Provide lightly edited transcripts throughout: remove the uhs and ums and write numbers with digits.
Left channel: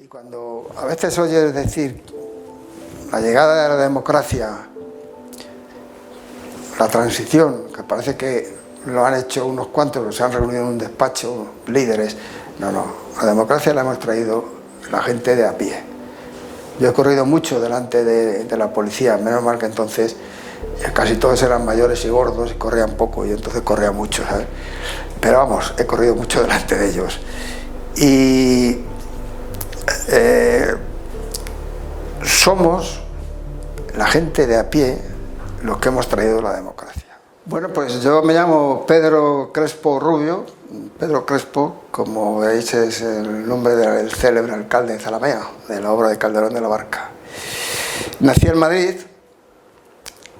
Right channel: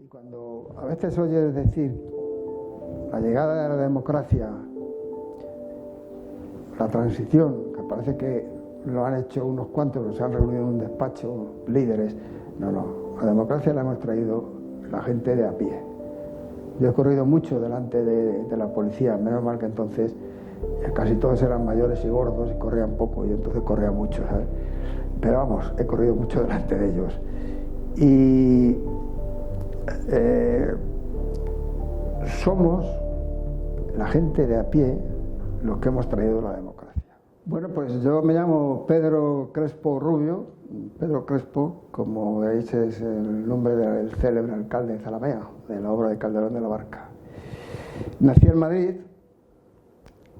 Y cuando a veces oyes decir la llegada de la democracia, la transición, que parece que lo han hecho unos cuantos, que se han reunido en un despacho, líderes, no, la democracia la hemos traído la gente de a pie. Yo he corrido mucho delante de la policía, menos mal que entonces casi todos eran mayores y gordos y corrían poco, y entonces corría mucho, ¿sabes? Pero vamos, he corrido mucho delante de ellos. Y somos la gente de a pie los que hemos traído la democracia. Bueno, pues yo me llamo Pedro Crespo Rubio. Pedro Crespo, como veis, es el nombre del célebre alcalde de Zalamea, de la obra de Calderón de la Barca. Nací en Madrid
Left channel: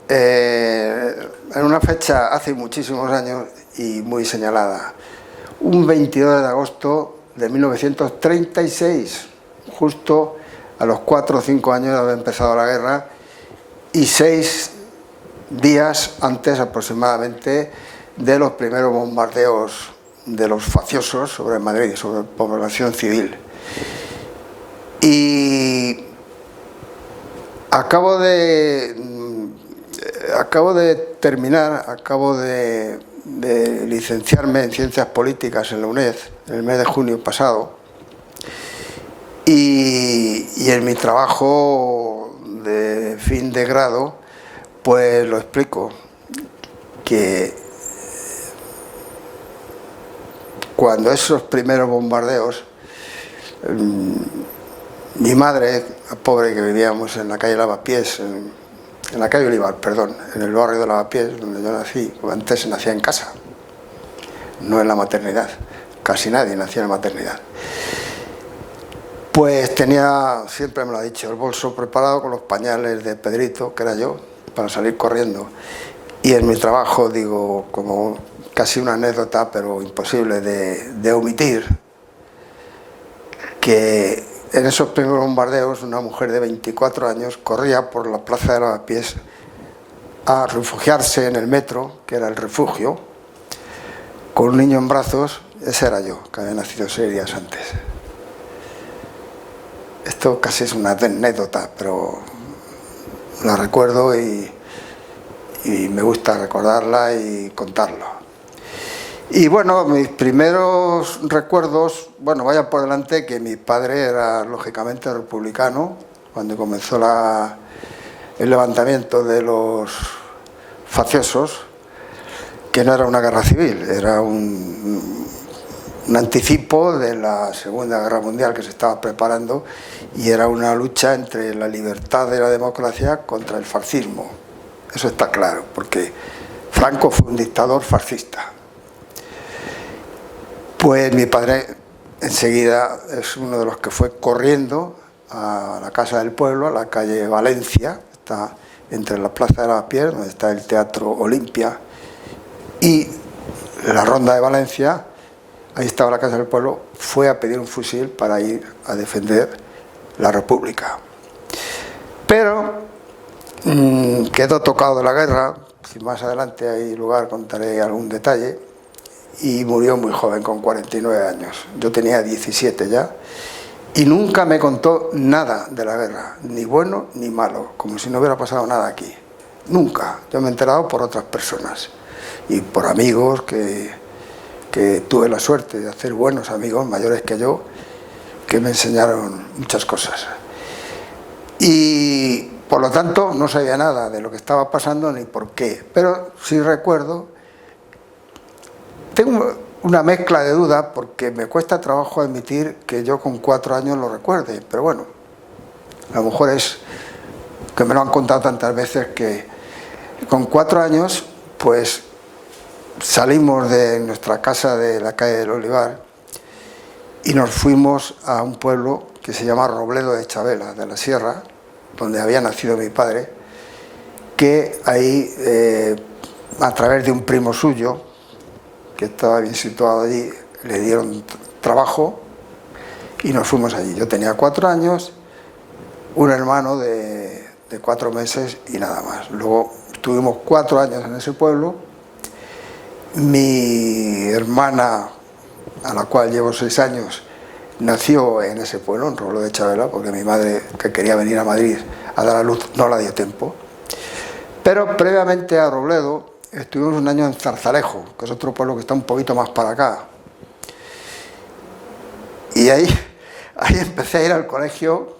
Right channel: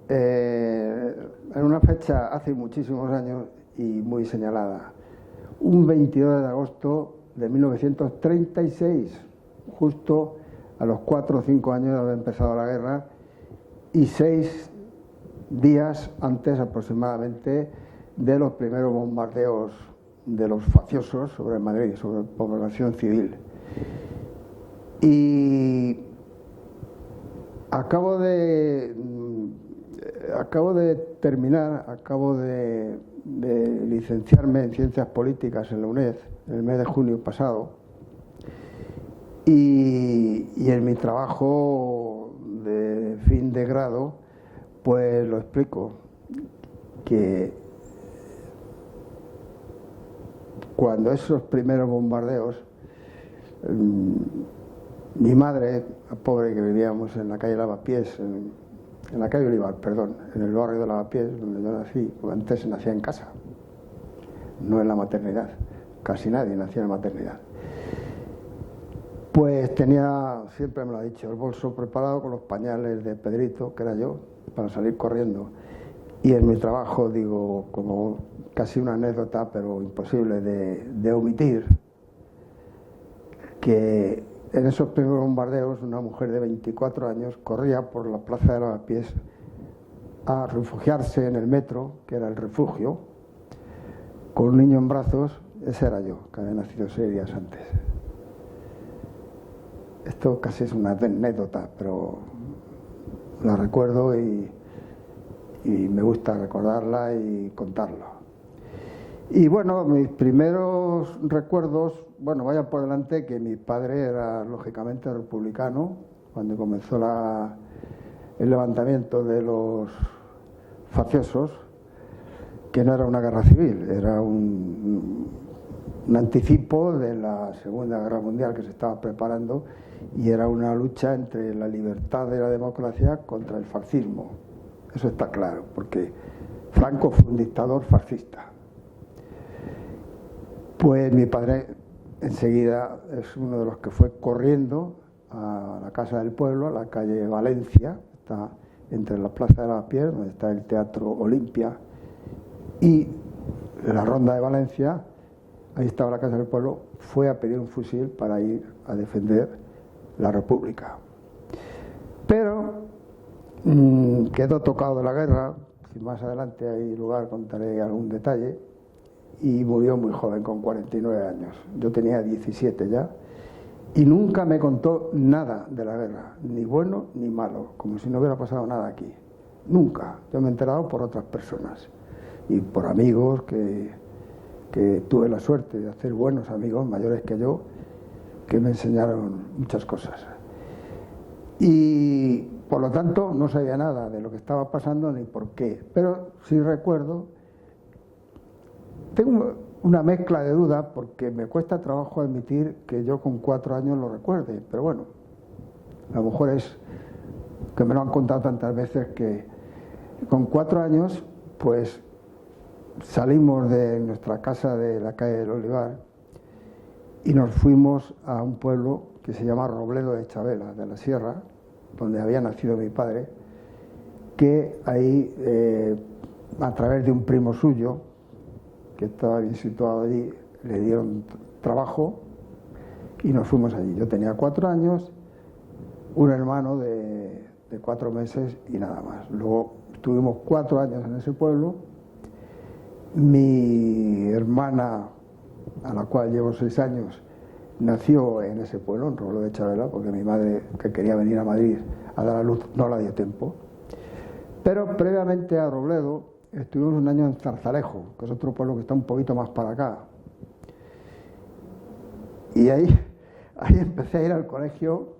en una fecha hace muchísimos años y muy señalada, un 22 de agosto de 1936, justo a los 4 o 5 años de haber empezado la guerra y 6 días antes aproximadamente de los primeros bombardeos de los facciosos sobre Madrid, sobre población civil. Y acabo de licenciarme en Ciencias Políticas en la UNED en el mes de junio pasado, y en mi trabajo de fin de grado pues lo explico, que cuando esos primeros bombardeos, mi madre, pobre, que vivíamos en la calle Lavapiés, en la calle Olivar, perdón, en el barrio de Lavapiés, donde yo nací, antes se nacía en casa, no en la maternidad, casi nadie nacía en la maternidad. Pues tenía, siempre me lo ha dicho, el bolso preparado con los pañales de Pedrito, que era yo, para salir corriendo. Y en mi trabajo, digo, como casi una anécdota, pero imposible de omitir, que en esos primeros bombardeos una mujer de 24 años corría por la plaza de Lavapiés a refugiarse en el metro, que era el refugio, con un niño en brazos. Ese era yo, que había nacido 6 días antes. Esto casi es una anécdota, pero la recuerdo y me gusta recordarla y contarlo. Y bueno, mis primeros recuerdos, bueno, vaya por delante que mi padre era lógicamente republicano cuando comenzó el levantamiento de los facciosos, que no era una guerra civil, era un anticipo de la Segunda Guerra Mundial que se estaba preparando, y era una lucha entre la libertad de la democracia contra el fascismo. Eso está claro, porque Franco fue un dictador fascista. Pues mi padre enseguida es uno de los que fue corriendo a la Casa del Pueblo, a la calle Valencia, está entre la Plaza de Lavapiés, donde está el Teatro Olimpia, y la Ronda de Valencia. Ahí estaba la Casa del Pueblo, fue a pedir un fusil para ir a defender la República. Pero quedó tocado de la guerra, si más adelante hay lugar contaré algún detalle, y murió muy joven, con 49 años. Yo tenía 17 ya, y nunca me contó nada de la guerra, ni bueno ni malo, como si no hubiera pasado nada aquí. Nunca. Yo me he enterado por otras personas y por amigos que tuve la suerte de hacer buenos amigos mayores que yo, que me enseñaron muchas cosas. Y por lo tanto no sabía nada de lo que estaba pasando ni por qué, pero sí recuerdo, tengo una mezcla de dudas porque me cuesta trabajo admitir que yo con 4 años lo recuerde, pero bueno, a lo mejor es que me lo han contado tantas veces que con 4 años pues salimos de nuestra casa de la calle del Olivar y nos fuimos a un pueblo que se llama Robledo de Chabela, de la Sierra, donde había nacido mi padre, que ahí, a través de un primo suyo, que estaba bien situado allí, le dieron trabajo y nos fuimos allí. Yo tenía 4 años, un hermano de 4 meses y nada más. Luego estuvimos 4 años en ese pueblo. Mi hermana, a la cual llevo 6 años, nació en ese pueblo, en Robledo de Chabela, porque mi madre, que quería venir a Madrid a dar a luz, no la dio tiempo. Pero previamente a Robledo estuvimos un año en Zarzalejo, que es otro pueblo que está un poquito más para acá. Y ahí empecé a ir al colegio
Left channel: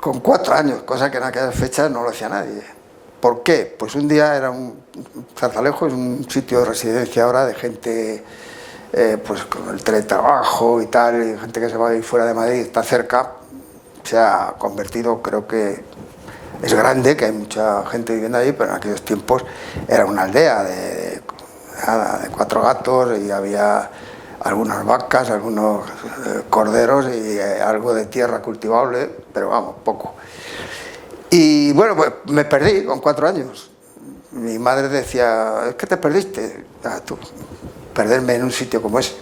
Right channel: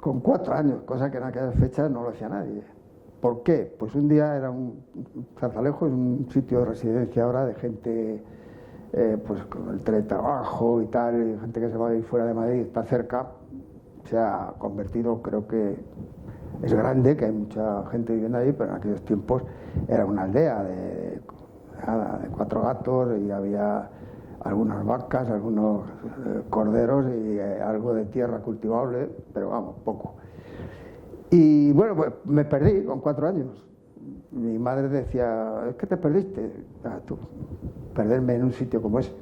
con 4 años, cosa que en aquellas fechas no lo hacía nadie. ¿Por qué? Pues un día Zarzalejo es un sitio de residencia ahora de gente pues con el teletrabajo y tal, y gente que se va a ir fuera de Madrid, está cerca, se ha convertido, creo que es grande, que hay mucha gente viviendo allí, pero en aquellos tiempos era una aldea de 4 gatos y había algunas vacas, algunos corderos y algo de tierra cultivable, pero vamos, poco. Y bueno, pues me perdí con 4 años. Mi madre decía, es que te perdiste. Tú, perderme en un sitio como ese.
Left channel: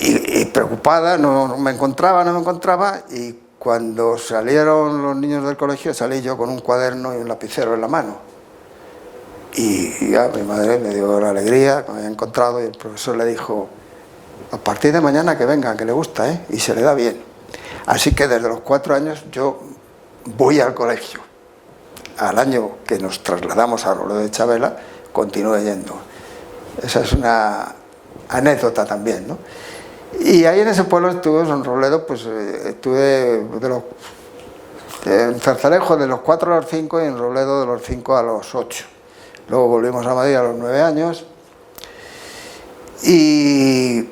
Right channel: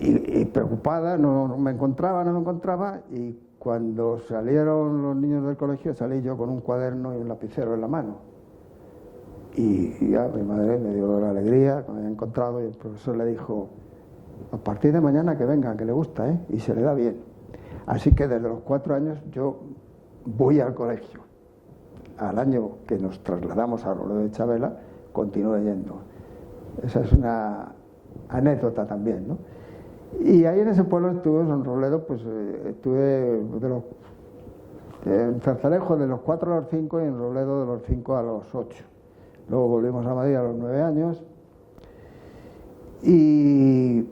Y preocupada, no me encontraba, y cuando salieron los niños del colegio salí yo con un cuaderno y un lapicero en la mano. Y ya mi madre me dio la alegría que me había encontrado, y el profesor le dijo, a partir de mañana que venga, que le gusta, y se le da bien. Así que desde los 4 años yo voy al colegio. Al año que nos trasladamos a Robledo de Chabela, continué yendo. Esa es una anécdota también, ¿no? Y ahí en ese pueblo estuve, en Robledo, pues estuve en Zarzalejo de los 4 a los 5 y en Robledo de los 5 a los 8. Luego volvimos a Madrid a los 9 años y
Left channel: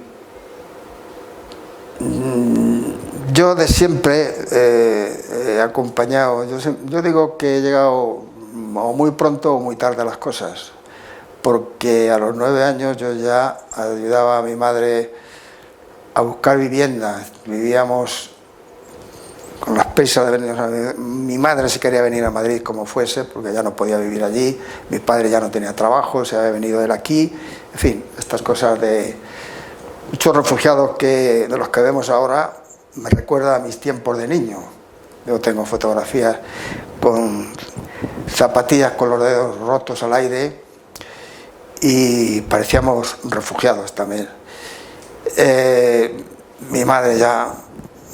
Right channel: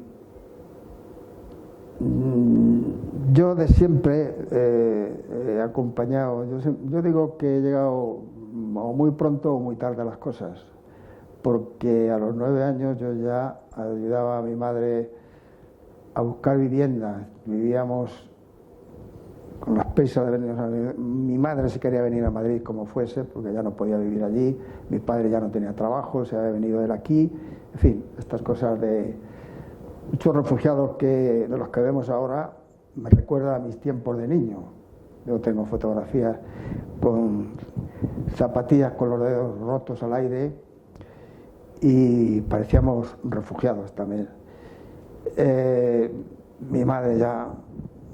yo de siempre he acompañado, yo digo que he llegado o muy pronto o muy tarde a las cosas, porque a los 9 años yo ya ayudaba a mi madre a buscar vivienda. Vivíamos con las prisas de venir. O sea, mi madre se quería venir a Madrid como fuese, porque ya no podía vivir allí, mi padre ya no tenía trabajo, se había venido él aquí, en fin, estas cosas de muchos refugiados de los que vemos ahora me recuerda a mis tiempos de niño. Yo tengo fotografías con zapatillas con los dedos rotos al aire y parecíamos refugiados también. Mi madre ya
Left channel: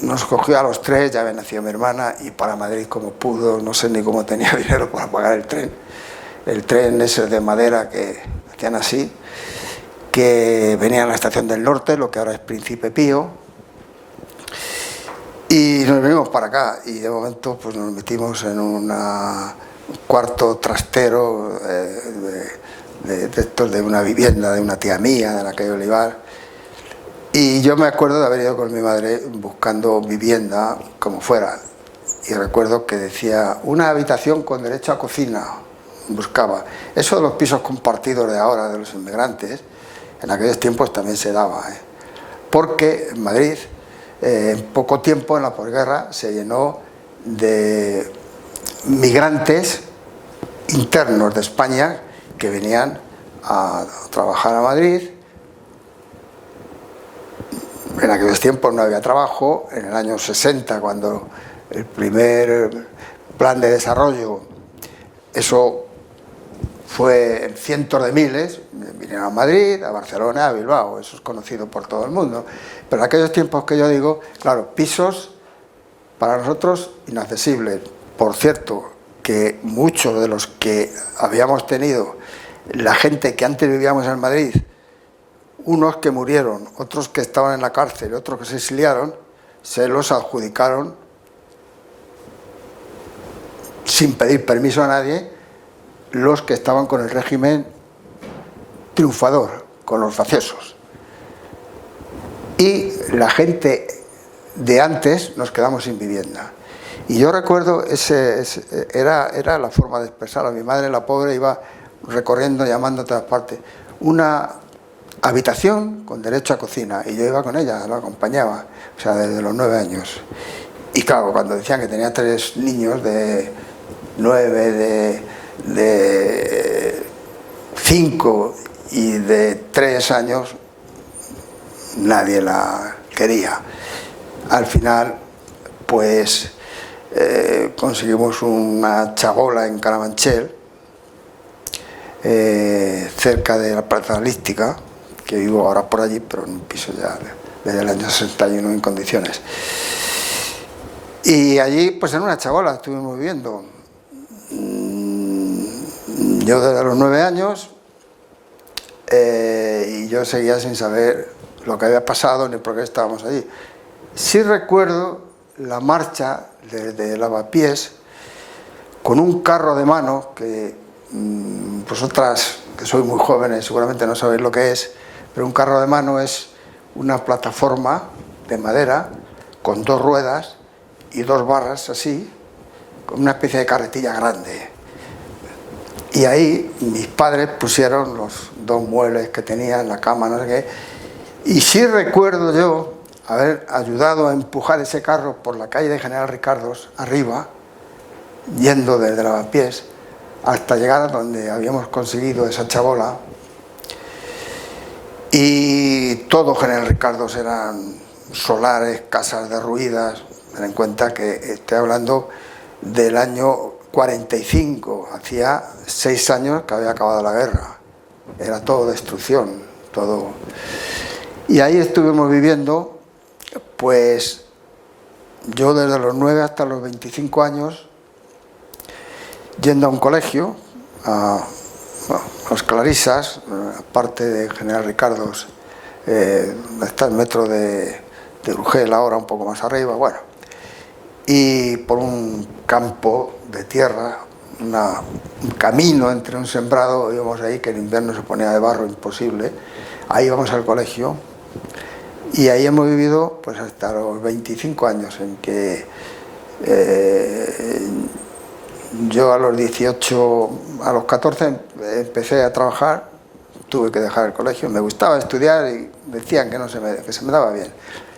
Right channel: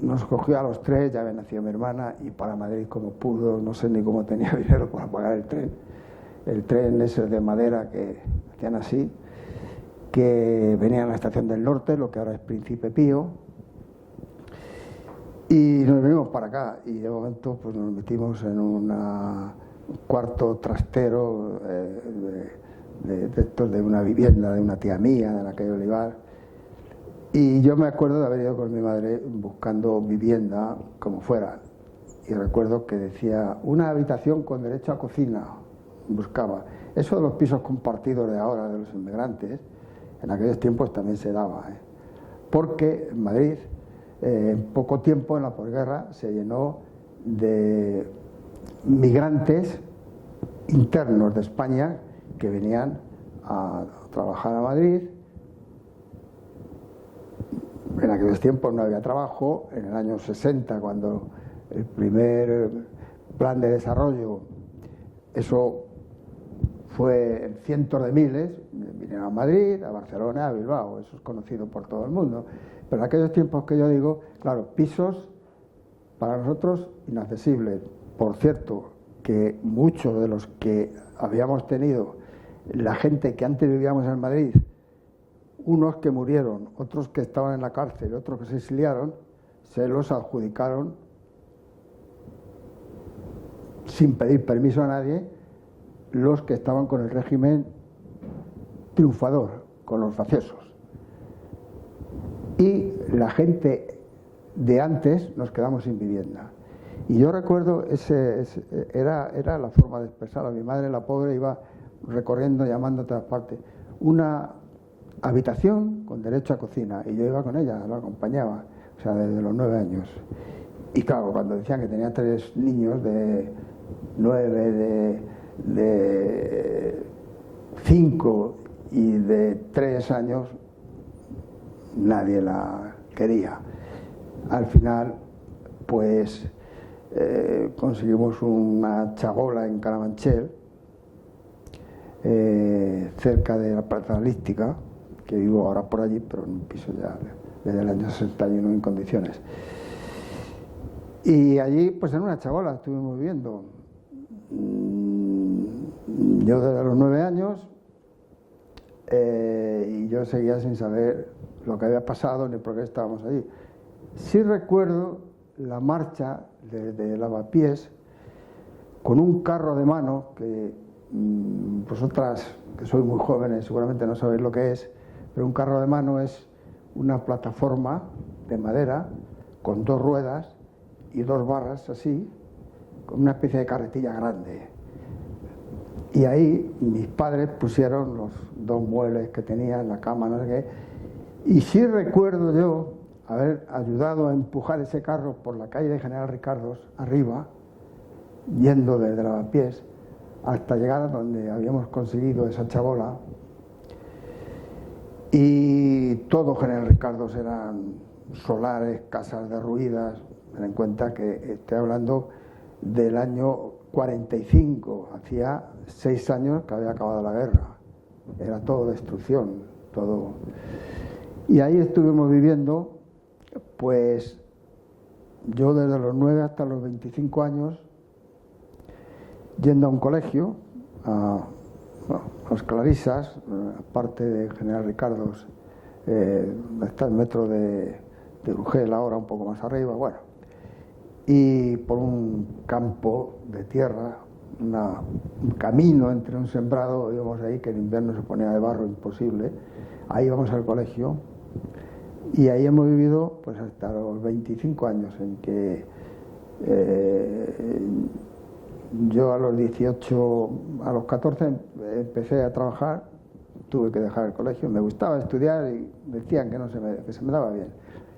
nos cogió a los 3, ya había nacido mi hermana, y para Madrid como pudo, no sé ni cómo tenía dinero para pagar el tren. El tren ese de madera que hacían así, que venía a la estación del Norte, lo que ahora es Príncipe Pío, y nos venimos para acá, y de momento pues nos metimos en un cuarto trastero de una vivienda de una tía mía, de la calle Olivar. Y yo me acuerdo de haber ido con mi madre buscando vivienda como fuera, y recuerdo que decía una habitación con derecho a cocina, buscaba. Eso de los pisos compartidos de ahora, de los inmigrantes, en aquellos tiempos también se daba, porque en Madrid en poco tiempo, en la posguerra, se llenó de migrantes internos de España que venían a trabajar a Madrid. En aquellos tiempos no había trabajo. En el año 60, cuando el primer plan de desarrollo, eso fue en cientos de miles, vinieron a Madrid, a Barcelona, a Bilbao, eso es conocido por todo el mundo. Pero en aquellos tiempos que yo digo, claro, pisos para nosotros inaccesibles. Por cierto, que muchos de los que habíamos tenido, la gente que antes vivíamos en Madrid, unos que murieron, otros que estaban en la cárcel, otros que se exiliaron, se los adjudicaron sin pedir permiso a nadie, los que estaban con el régimen triunfador, con los facciosos. Y la gente de antes nos quedamos sin vivienda. Y yo recuerdo, era la forma de expresar. A mi madre, la pobre, iba recorriendo, llamando a todas partes. Una habitación con derecho a cocina, y yo iba con ella, la acompañaba, o sea, desde los 9 años. Y claro, cuando decían que tenía 3 niños de 9, de 5 y de 3 años, nadie la quería. Al final, pues conseguimos una chabola en Carabanchel, cerca de la Plaza Lística, que vivo ahora por allí, pero en un piso ya desde el año 61 en condiciones. Y allí, pues en una chabola estuvimos viviendo. Yo desde los 9 años, y yo seguía sin saber lo que había pasado ni por qué estábamos allí. Sí recuerdo la marcha de Lavapiés con un carro de mano que vosotras, que sois muy jóvenes, seguramente no sabéis lo que es, pero un carro de mano es una plataforma de madera con 2 ruedas y 2 barras así, con una especie de carretilla grande. Y ahí mis padres pusieron los 2 muebles que tenía en la cama, no sé qué. Y sí recuerdo yo haber ayudado a empujar ese carro por la calle de General Ricardos, arriba, yendo desde Lavapiés, hasta llegar a donde habíamos conseguido esa chabola. Y todo General Ricardos eran solares, casas derruidas. Ten en cuenta que estoy hablando del año 45, hacía 6 años que había acabado la guerra. Era todo destrucción, todo. Y ahí estuvimos viviendo, pues yo desde los 9 hasta los 25 años, yendo a un colegio, a los Clarisas, aparte de General Ricardos, está el metro de Urgel ahora, un poco más arriba, bueno. Y por un campo de tierra, un camino entre un sembrado, íbamos ahí, que en invierno se ponía de barro imposible, ahí íbamos al colegio, y ahí hemos vivido pues hasta los 25 años, en que yo a los 18, a los 14 empecé a trabajar, tuve que dejar el colegio, me gustaba estudiar y decían que se me daba bien.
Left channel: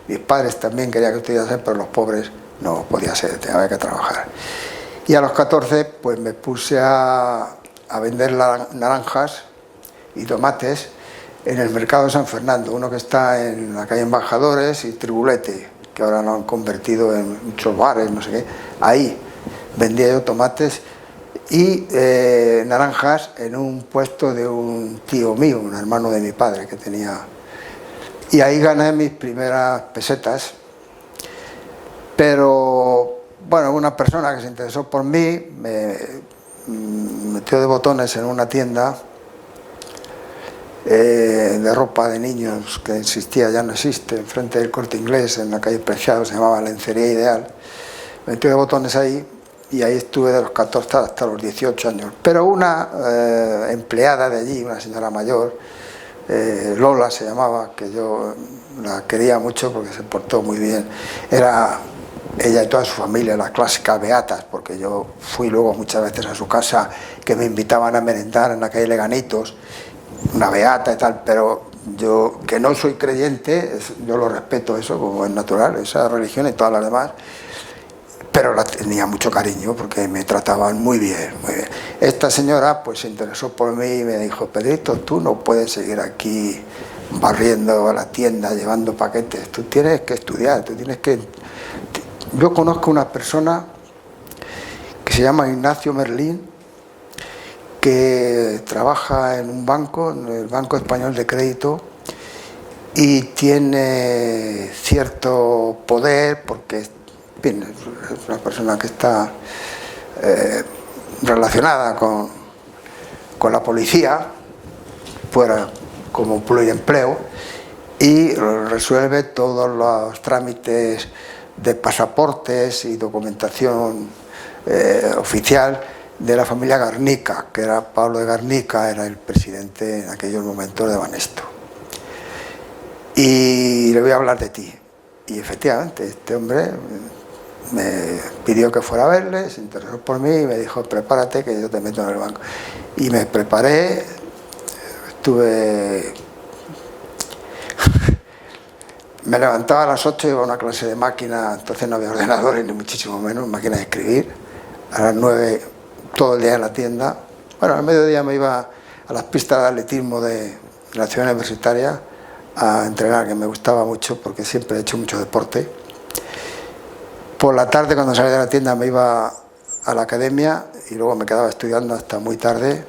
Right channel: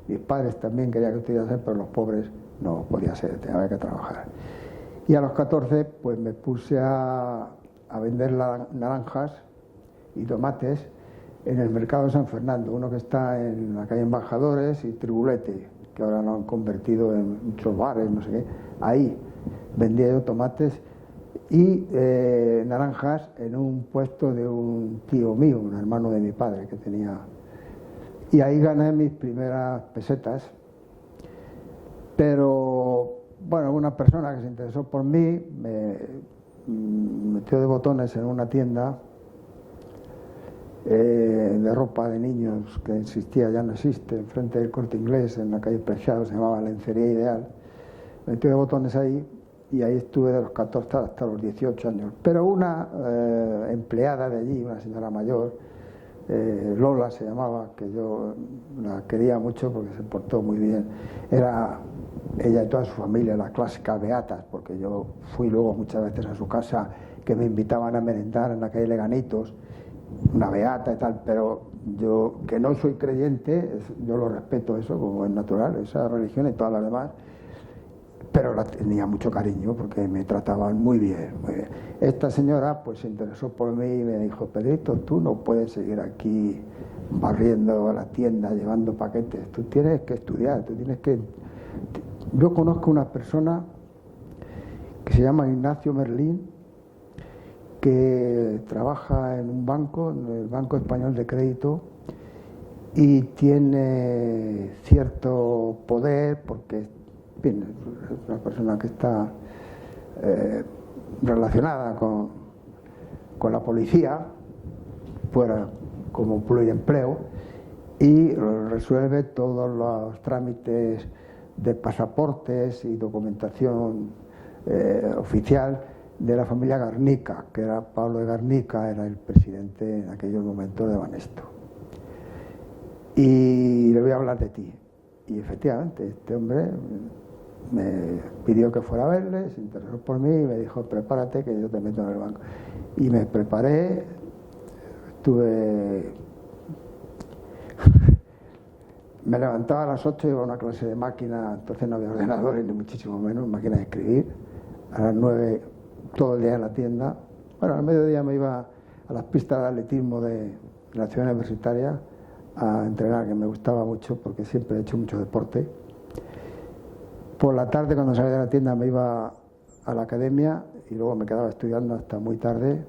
Mis padres también querían que estudiase, pero los pobres no podía ser, tenía que trabajar. Y a los 14 pues me puse a vender naranjas y tomates en el mercado de San Fernando, uno que está en la calle Embajadores y Tribulete, que ahora lo han convertido en muchos bares, no sé qué. Ahí vendía yo tomates y naranjas en un puesto de un tío mío, un hermano de mi padre que tenía. Y ahí gané mis primeras pesetas. Pero, bueno, una persona que se interesó por mí me metió de botones en una tienda de ropa de niños que existía, ya no existe, enfrente del Corte Inglés, en la calle Preciado, se llamaba Lencería Ideal. Me metió de botones ahí y ahí estuve de los 14 hasta los 18 años. Pero una empleada de allí, una señora mayor, Lola se llamaba, que yo la quería mucho porque se portó muy bien. Era ella y toda su familia, las clásicas beatas, porque yo fui luego muchas veces a su casa, que me invitaban a merendar en la calle Leganitos, una beata y tal, pero yo, que no soy creyente, yo lo respeto eso como es natural, esa religión y todas las demás, pero la tenía mucho cariño porque me trataban muy bien, muy bien. Esta señora pues se interesó por mí y me dijo: Pedrito, tú no puedes seguir aquí barriendo a la tienda, llevando paquetes, tú tienes que estudiar, tú tienes que... Yo conozco una persona que se llama Ignacio Merlín, que trabaja en un banco, en el Banco Español de Crédito, y tiene cierto poder porque es una persona que está relacionada con la policía, fuera como pluriempleo, y resuelve todos los trámites de pasaportes y documentación oficial de la familia Garnica, que era Pablo de Garnica, era el presidente en aquellos momentos de Banesto. Y le voy a hablar de ti. Y efectivamente, este hombre me pidió que fuera a verle, se interesó por mí y me dijo: prepárate que yo te meto en el banco. Y me preparé, estuve... Me levantaba a las 8, iba a una clase de máquina, entonces no había ordenadores ni muchísimo menos, máquina de escribir. A las 9 todo el día en la tienda. Bueno, al mediodía me iba a las pistas de atletismo de la ciudad universitaria a entrenar, que me gustaba mucho porque siempre he hecho mucho deporte. Por la tarde, cuando salía de la tienda, me iba a la academia y luego me quedaba estudiando hasta muy tarde,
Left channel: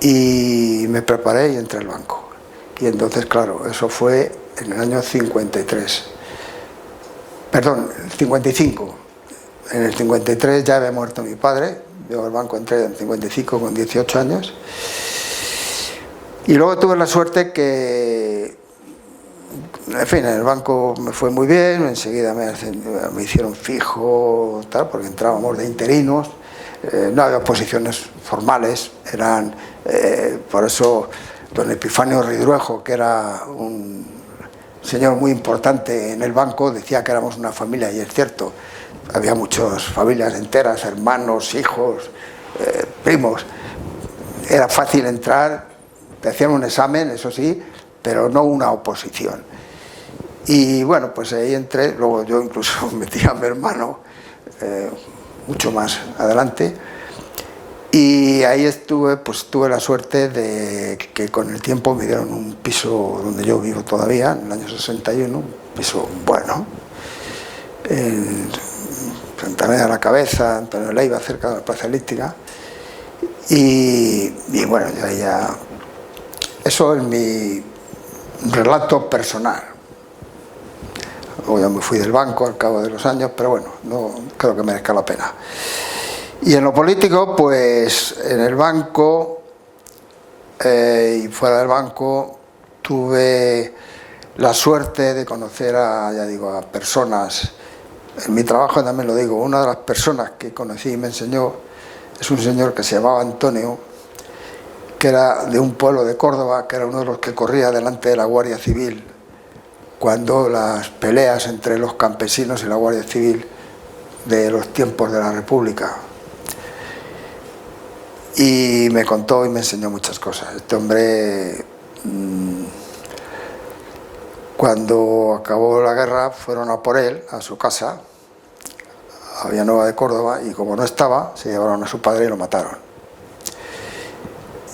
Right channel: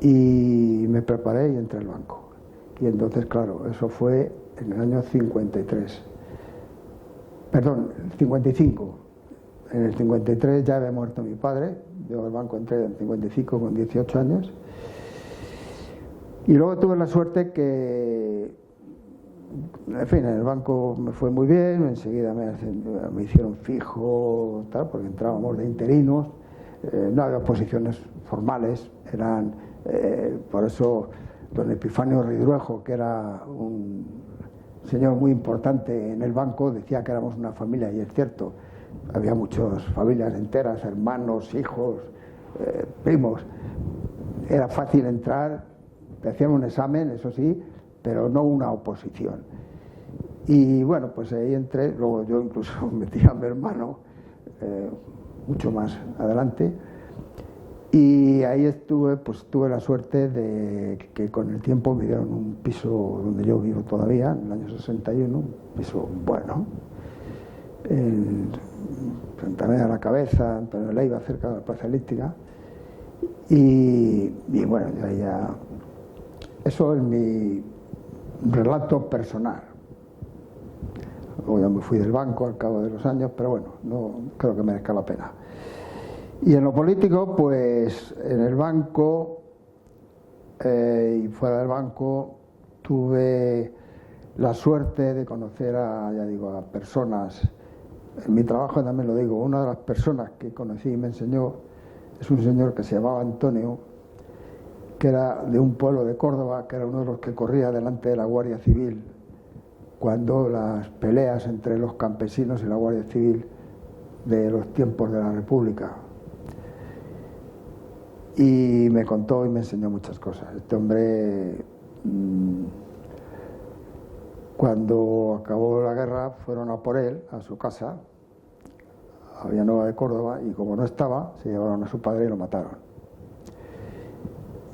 y me preparé y entré al banco. Y entonces, claro, eso fue en el año 53. Perdón, el 55. En el 53 ya había muerto mi padre. Yo al banco entré en 55 con 18 años. Y luego tuve la suerte que, en fin, en el banco me fue muy bien, enseguida me hicieron fijo, tal, porque entrábamos de interinos, no había posiciones formales, eran, por eso don Epifanio Ridruejo, que era un señor muy importante en el banco, decía que éramos una familia, y es cierto, había muchas familias enteras, hermanos, hijos, primos, era fácil entrar, te hacían un examen, eso sí, pero no una oposición. Y bueno, pues ahí entré, luego yo incluso metí a mi hermano mucho más adelante, y ahí estuve, pues tuve la suerte de que con el tiempo me dieron un piso donde yo vivo todavía, en el año 61, un piso bueno, en Santa María de la Cabeza, Antonio Leiva, cerca de la Plaza Elíptica, y bueno, ya eso es mi relato personal. Luego ya me fui del banco al cabo de los años, pero bueno, no creo que merezca la pena. Y en lo político, pues en el banco y fuera del banco tuve la suerte de conocer a personas. En mi trabajo también lo digo, una de las personas que conocí y me enseñó es un señor que se llamaba Antonio, que era de un pueblo de Córdoba, que era uno de los que corría delante de la Guardia Civil cuando las peleas entre los campesinos y la Guardia Civil de los tiempos de la República. Y me contó y me enseñó muchas cosas. Este hombre, cuando acabó la guerra, fueron a por él, a su casa, a Villanueva de Córdoba, y como no estaba, se llevaron a su padre y lo mataron.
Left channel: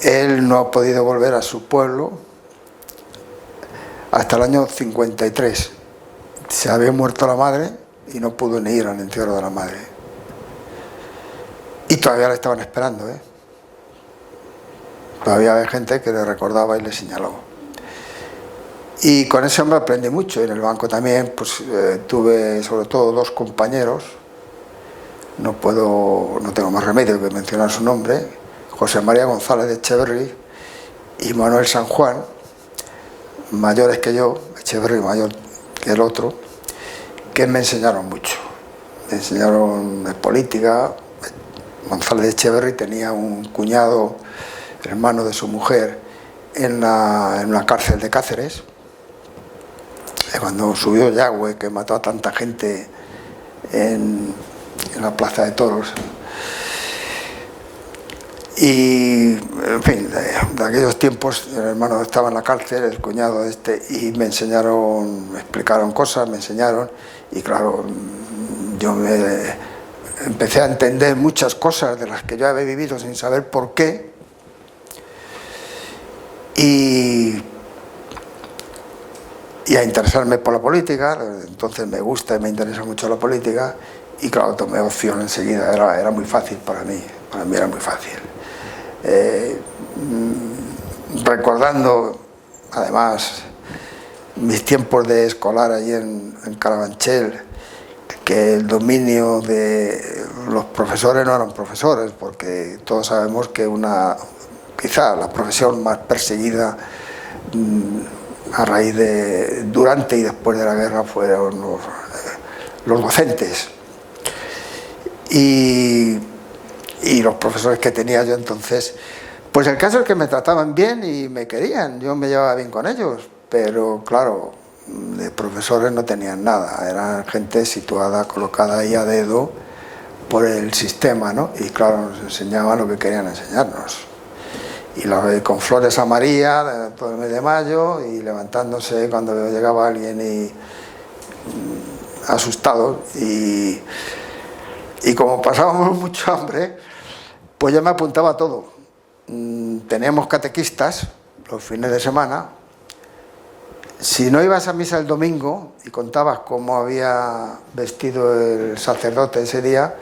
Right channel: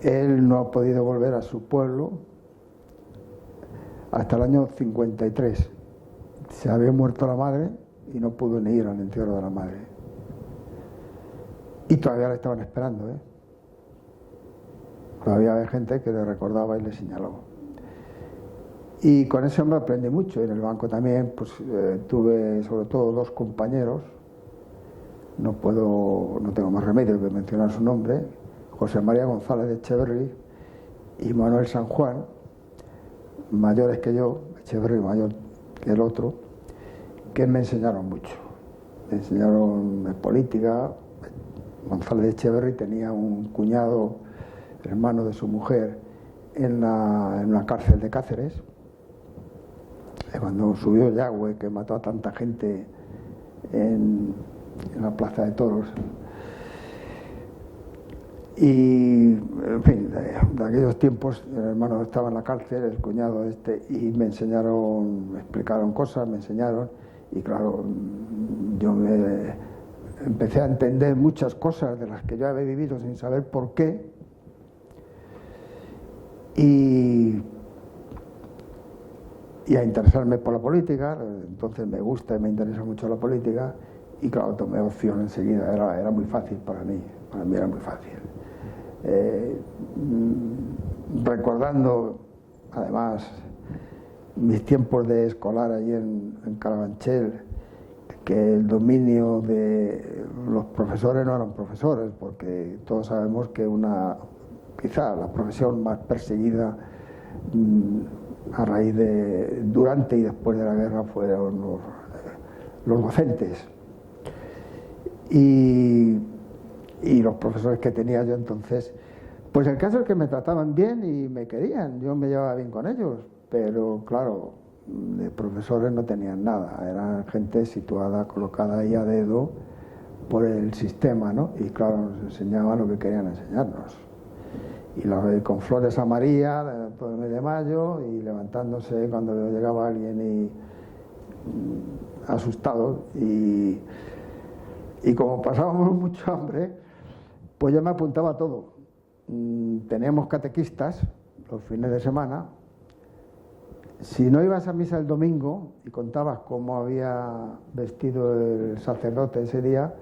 Él no ha podido volver a su pueblo hasta el año 53. Se había muerto la madre y no pudo ni ir al entierro de la madre. Y todavía le estaban esperando, ¿eh? Todavía había gente que le recordaba y le señaló. Y con ese hombre aprendí mucho. En el banco también pues, tuve sobre todo dos compañeros. No tengo más remedio que mencionar su nombre. José María González de Echeverri y Manuel San Juan, mayores que yo, Echeverri mayor que el otro, que me enseñaron mucho. Me enseñaron de política. González de Echeverri tenía un cuñado, hermano de su mujer, en una cárcel de Cáceres, cuando subió Yagüe, que mató a tanta gente en la Plaza de Toros. Y, en fin, de aquellos tiempos, el hermano estaba en la cárcel, el cuñado y me enseñaron, me explicaron cosas, me enseñaron, y claro, yo empecé a entender muchas cosas de las que yo había vivido sin saber por qué, y a interesarme por la política. Entonces me gusta y me interesa mucho la política, y claro, tomé opción enseguida, era muy fácil para mí era muy fácil. Recordando además mis tiempos de escolar allí en Carabanchel, que el dominio de los profesores no eran profesores, porque todos sabemos que quizá la profesión más perseguida a raíz durante y después de la guerra fueron los docentes. Y los profesores que tenía yo entonces, pues el caso es que me trataban bien y me querían, yo me llevaba bien con ellos, pero claro, de profesores no tenían nada, eran gente situada, colocada ahí a dedo por el sistema, ¿no? Y claro, nos enseñaban lo que querían enseñarnos. Y con flores a María todo el mes de mayo, y levantándose cuando llegaba alguien y asustado, y como pasábamos mucho hambre, pues yo me apuntaba a todo. Teníamos catequistas los fines de semana. Si no ibas a misa el domingo y contabas cómo había vestido el sacerdote ese día,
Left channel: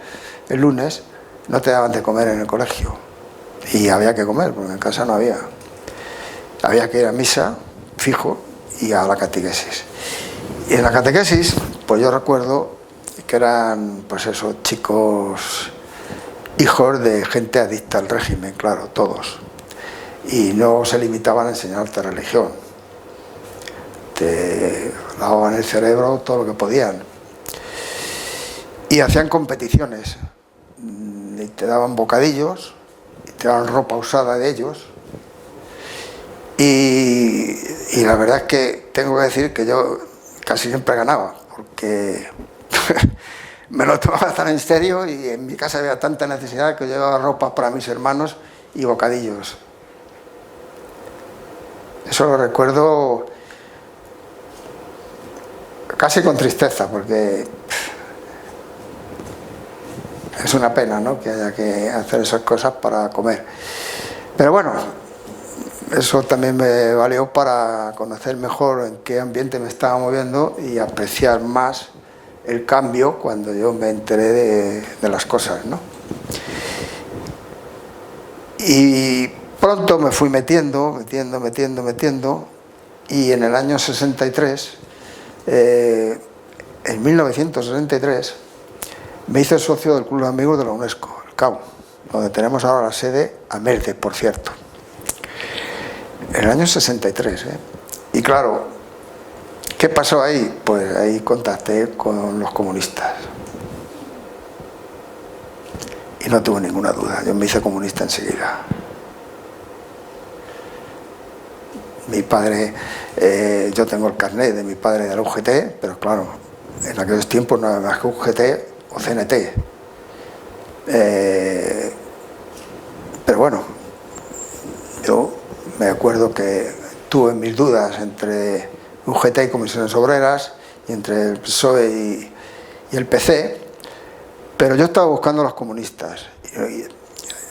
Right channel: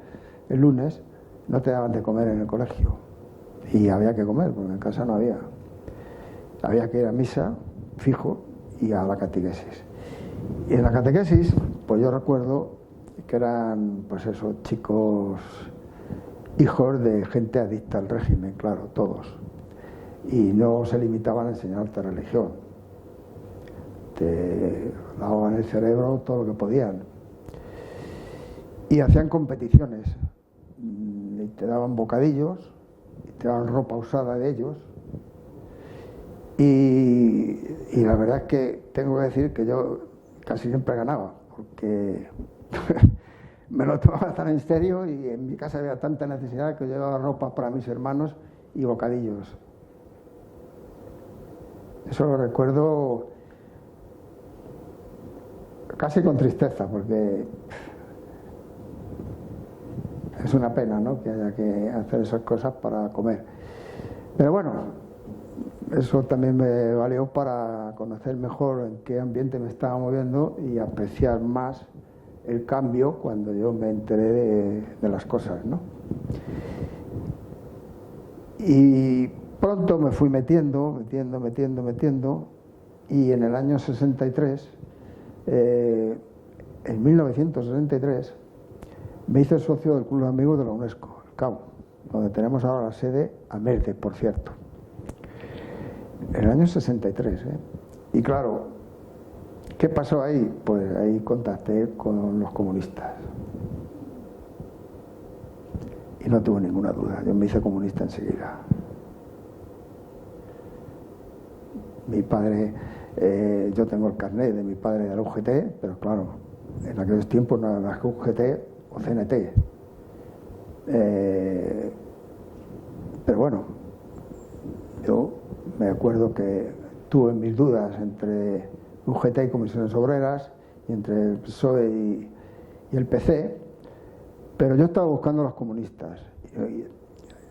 el lunes, no te daban de comer en el colegio. Y había que comer, porque en casa no había. Había que ir a misa, fijo, y a la catequesis. Y en la catequesis, pues yo recuerdo que eran, pues esos chicos hijos de gente adicta al régimen, claro, todos. Y no se limitaban a enseñarte religión. Te lavaban el cerebro todo lo que podían. Y hacían competiciones. Y te daban bocadillos, y te daban ropa usada de ellos. Y la verdad es que tengo que decir que yo casi siempre ganaba, porque me lo tomaba tan en serio y en mi casa había tanta necesidad que yo llevaba ropa para mis hermanos y bocadillos. Eso lo recuerdo casi con tristeza, porque es una pena, ¿no?, que haya que hacer esas cosas para comer. Pero bueno, eso también me valió para conocer mejor en qué ambiente me estaba moviendo y apreciar más el cambio cuando yo me enteré de las cosas, ¿no? Y pronto me fui metiendo, y en el año 63, en 1963, me hice socio del Club de Amigos de la UNESCO, el CAU, donde tenemos ahora la sede a Merde, por cierto. En el año 63, ¿eh? Y claro, ¿qué pasó ahí? Pues ahí contacté con los comunistas. Y no tuve ninguna duda, yo me hice comunista enseguida. Mi padre, yo tengo el carnet de mi padre de la UGT, pero claro, en aquellos tiempos no había más que UGT o CNT. Pero bueno, yo me acuerdo que tuve mis dudas entre UGT y Comisiones Obreras, y entre el PSOE y el PC, pero yo estaba buscando a los comunistas,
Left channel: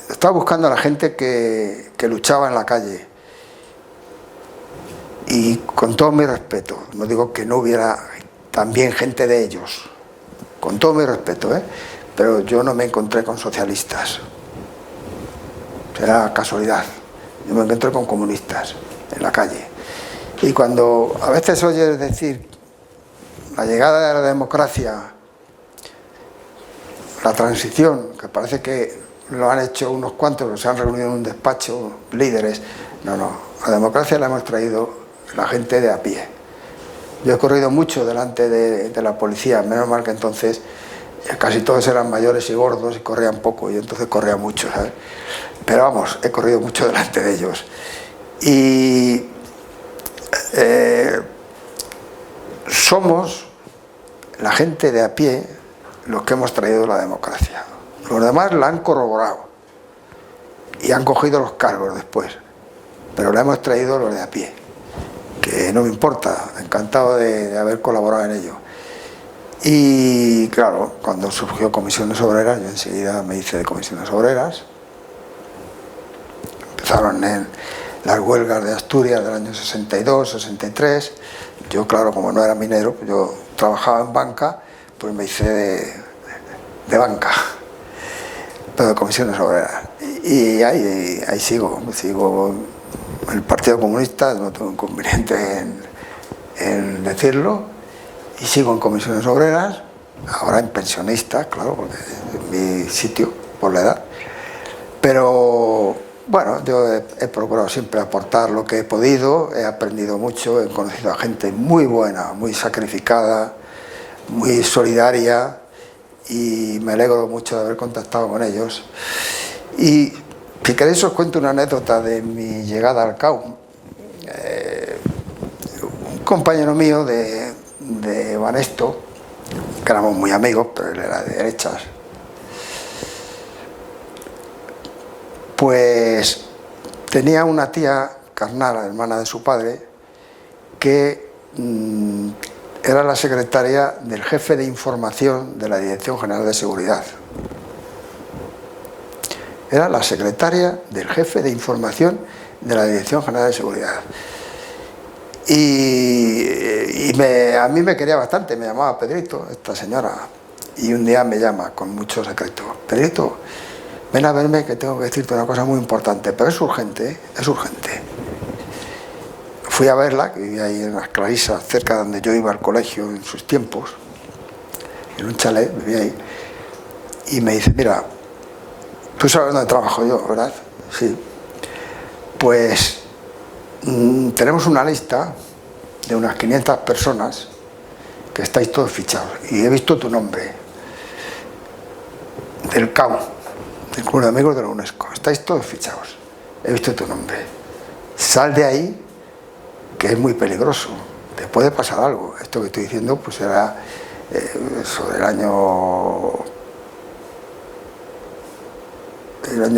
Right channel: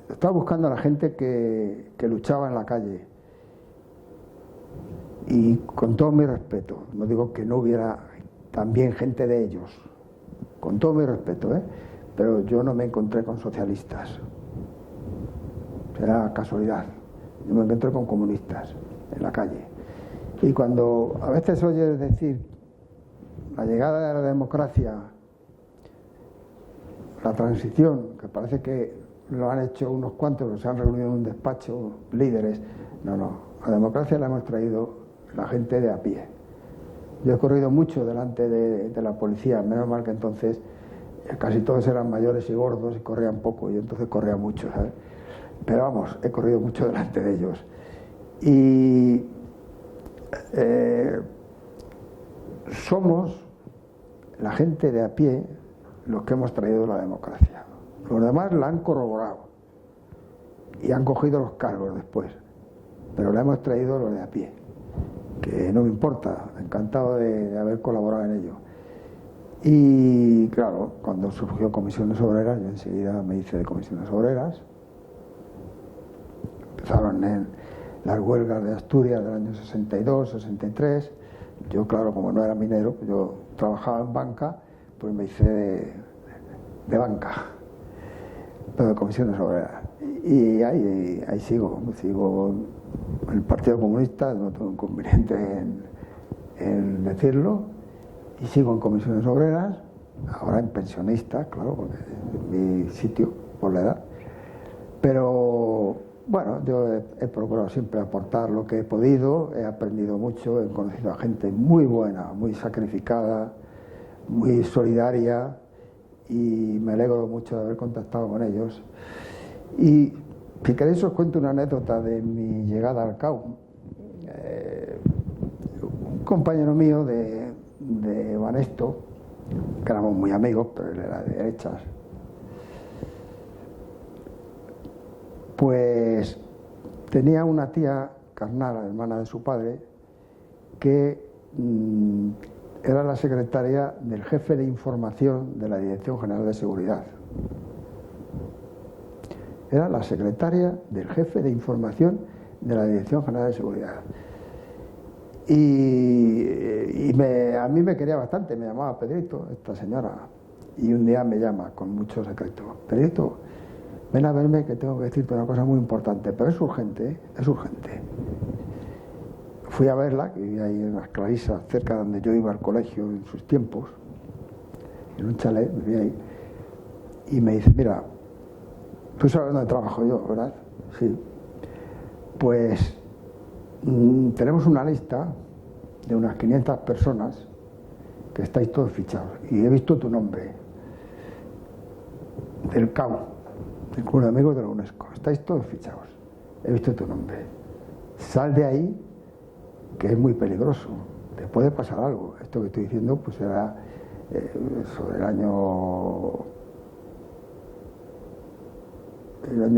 estaba buscando a la gente que luchaba en la calle. Y con todo mi respeto, no digo que no hubiera también gente de ellos, con todo mi respeto, pero yo no me encontré con socialistas, era casualidad. Yo me encontré con comunistas en la calle. Y cuando a veces oyes decir la llegada de la democracia, la transición, que parece que lo han hecho unos cuantos, que se han reunido en un despacho, líderes, no, la democracia la hemos traído la gente de a pie. Yo he corrido mucho delante de la policía, menos mal que entonces casi todos eran mayores y gordos y corrían poco, y entonces corría mucho, ¿sabes? Pero vamos, he corrido mucho delante de ellos. Y somos la gente de a pie los que hemos traído la democracia. Los demás la han corroborado y han cogido los cargos después, pero la hemos traído los de a pie, que no me importa, encantado de haber colaborado en ello. Y claro, cuando surgió Comisiones Obreras, yo enseguida me hice de Comisiones Obreras. Empezaron en las huelgas de Asturias del año 62, 63. Yo, claro, como no era minero, yo trabajaba en banca, pues me hice de banca, pero de Comisiones Obreras. Y ahí sigo en el Partido Comunista, no tengo inconveniente en decirlo, y sigo en Comisiones Obreras, ahora en pensionista, claro, porque es mi sitio por la edad. Pero bueno, yo he procurado siempre aportar lo que he podido, he aprendido mucho, he conocido a gente muy buena, muy sacrificada, muy solidaria, y me alegro mucho de haber contactado con ellos. Y si queréis os cuento una anécdota de mi llegada al CAU. Un compañero mío de Banesto, que éramos muy amigos, pero él era de derechas, pues tenía una tía carnal, hermana de su padre, que era la secretaria del jefe de información de la Dirección General de Seguridad. Era la secretaria del jefe de información de la Dirección General de Seguridad. Y a mí me quería bastante, me llamaba Pedrito, esta señora, y un día me llama con mucho secreto: Pedrito, ven a verme que tengo que decirte una cosa muy importante, pero es urgente, es urgente. fui a verla, que vivía ahí en las Clarisas, cerca de donde yo iba al colegio en sus tiempos, en un chalet, vivía ahí, y me dice, mira, tú sabes dónde trabajo yo, ¿verdad? Sí. Pues tenemos una lista de unas 500 personas que estáis todos fichados, y he visto tu nombre, del CAU, del Club de Amigos de la UNESCO, estáis todos fichados, he visto tu nombre, sal de ahí, que es muy peligroso, te puede pasar algo. Esto que estoy diciendo pues era sobre el año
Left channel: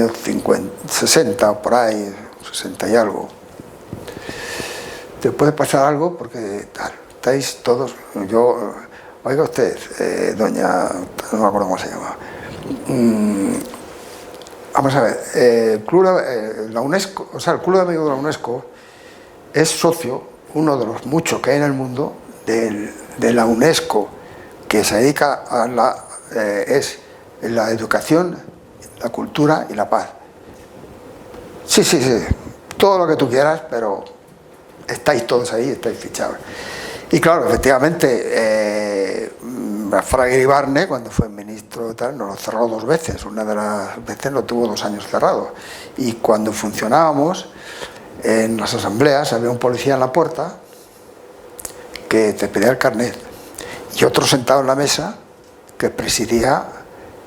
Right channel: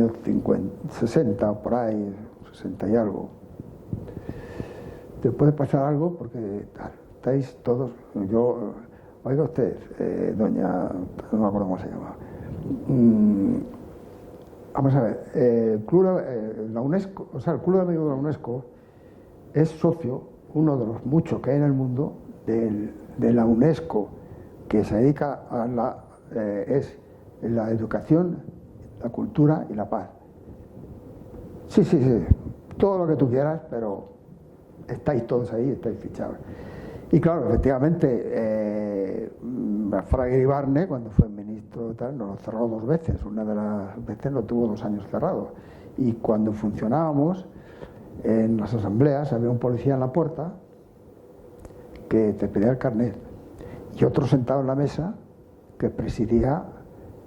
50, 60 o por ahí, 60 y algo. Te puede pasar algo porque tal, estáis todos, yo, oiga usted, doña, no me acuerdo cómo se llama, vamos a ver, la UNESCO, o sea, el Club de Amigos de la UNESCO es socio, uno de los muchos que hay en el mundo, de la UNESCO, que se dedica a la educación, la cultura y la paz. Sí, sí, sí, todo lo que tú quieras, pero estáis todos ahí, estáis fichados. Y claro, efectivamente, Fraga Iribarne, cuando fue ministro, tal, nos lo cerró 2 veces. Una de las veces lo tuvo 2 años cerrado. Y cuando funcionábamos, en las asambleas había un policía en la puerta que te pedía el carnet y otro sentado en la mesa que presidía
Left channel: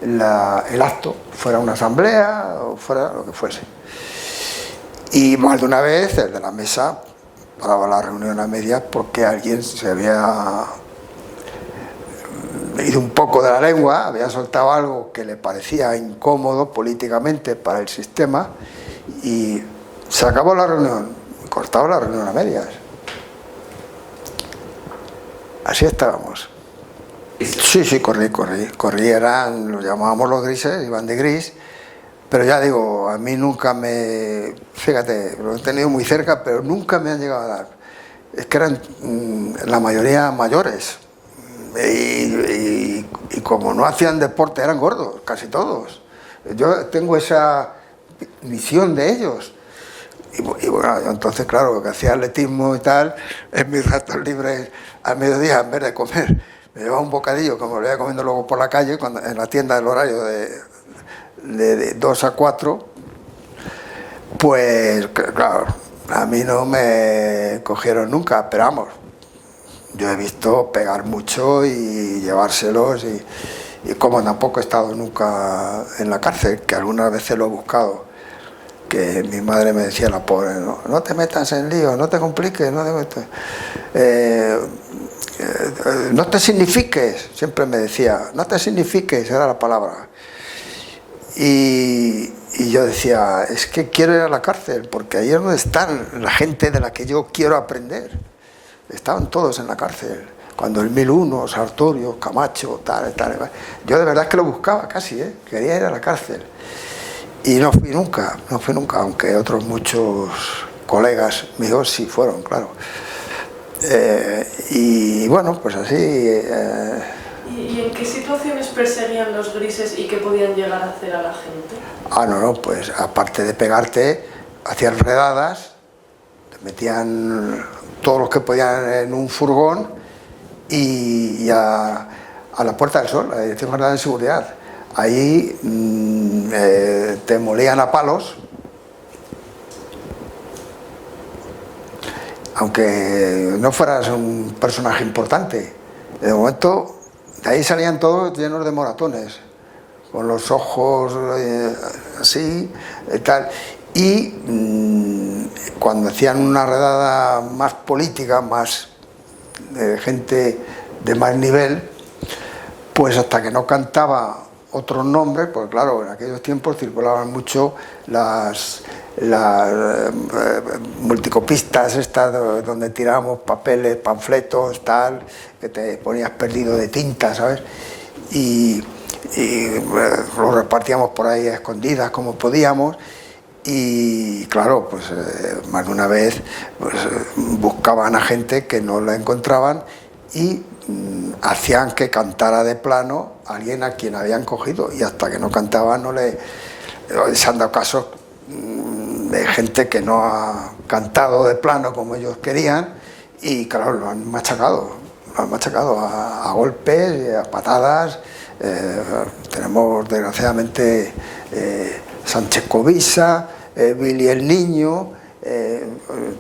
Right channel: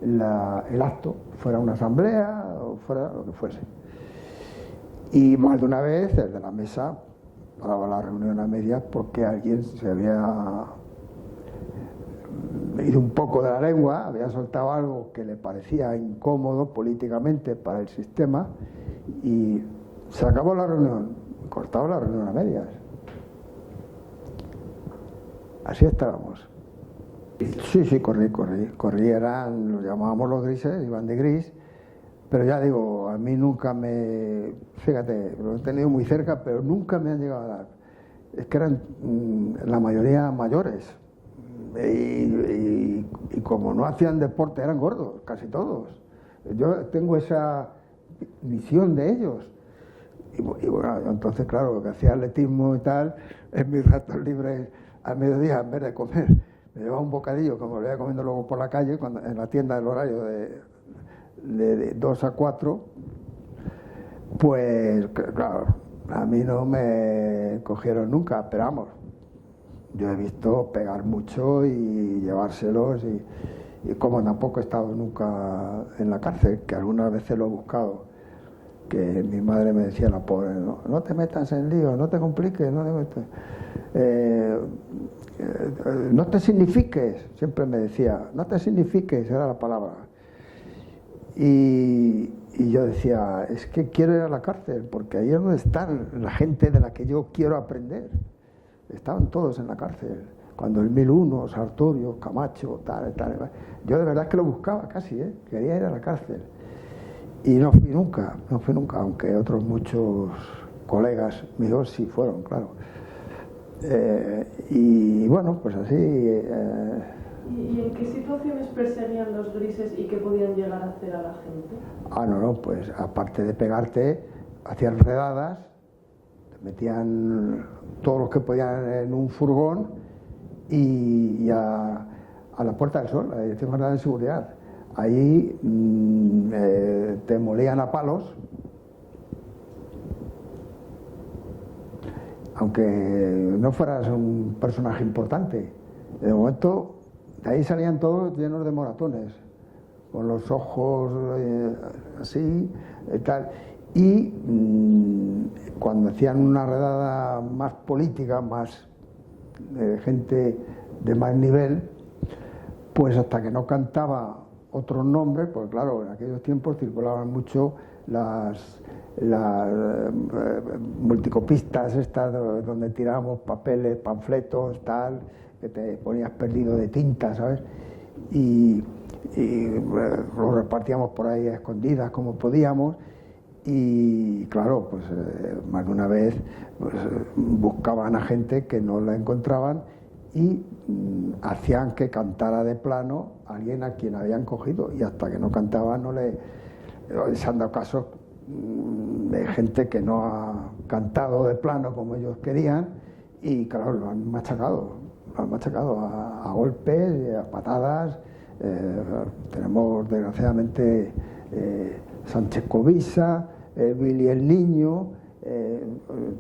el acto, fuera una asamblea o fuera lo que fuese. Y más de una vez el de la mesa paraba la reunión a medias porque alguien se había ido un poco de la lengua, había soltado algo que le parecía incómodo políticamente para el sistema y se acabó la reunión, cortaba la reunión a medias. Así estábamos. Sí, sí, corrí, lo llamábamos los grises, iban de gris, pero ya digo, a mí nunca fíjate, lo he tenido muy cerca, pero nunca me han llegado a dar. Es que eran la mayoría mayores, y como no hacían deporte, eran gordos, casi todos. Yo tengo esa visión de ellos. Y bueno, entonces claro, que hacía atletismo y tal, en mis ratos libres al mediodía, en vez de comer, me llevaba un bocadillo, como lo iba comiendo luego por la calle, en la tienda del horario de 2 a 4, pues claro, a mí no me cogieron nunca, pero vamos, yo he visto pegar mucho y llevárselos, y como tampoco he estado nunca en la cárcel, que algunas veces lo he buscado, que mi madre me decía, la pobre, no te metas en lío, no te compliques, no te signifiques, siempre me decía, no te signifiques, era la palabra. Y yo decía, es que quiero ir a la cárcel, porque ahí es donde están la gente de la que yo quiero aprender. Estaban todos en la cárcel, cuando el 1001, Sartorio, Camacho, tal. Yo de verdad que lo buscaba casi, quería ir a la cárcel. Y no fui nunca, aunque otros muchos colegas míos sí fueron, claro. Y bueno, pues así... ¿Y en qué situaciones perseguían los grises y qué podían llegar a hacer a la gente? No, pues aparte de pegarte, hacían redadas, te metían todos los que podían en un furgón y a la Puerta del Sol, a la Dirección General de Seguridad. Ahí te molían a palos, aunque no fueras un personaje importante. De momento, de ahí salían todos llenos de moratones, con los ojos así, tal. Y cuando hacían una redada más política, más de gente de más nivel, pues hasta que no cantaba otros nombres, pues claro, en aquellos tiempos circulaban mucho las multicopistas estas donde tirábamos papeles, panfletos, tal, que te ponías perdido de tinta, ¿sabes? Y los repartíamos por ahí a escondidas como podíamos, y claro, pues más de una vez pues, buscaban a gente que no la encontraban y hacían que cantara de plano a alguien a quien habían cogido, y hasta que no cantaba no se han dado casos de gente que no ha cantado de plano como ellos querían, y claro, lo han machacado a golpes, a patadas. Tenemos desgraciadamente Sánchez Covisa, Billy el Niño,